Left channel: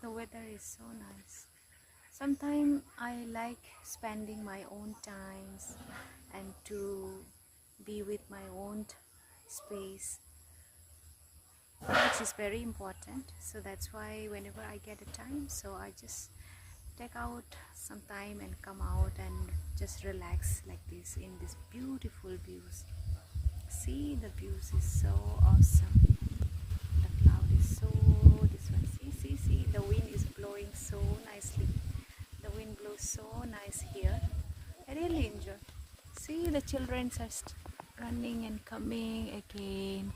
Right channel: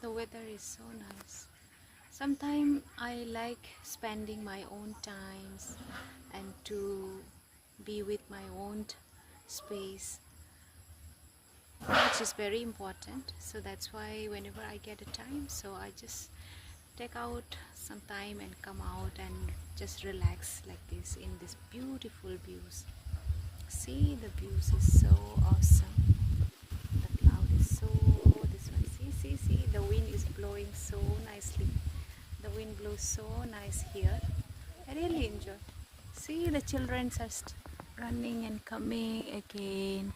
the weather is so nice. Sometimes I like spending my own times and to be with my own space, which is very important. So that's why whenever I get a time, so I just take out some time and come out and just relax like this in these beautiful views. See, the views is so awesome. The cloud is so, this one, see, the wind is blowing so nicely. The wind blows so nice here. I really enjoy. See, the children are running and coming again.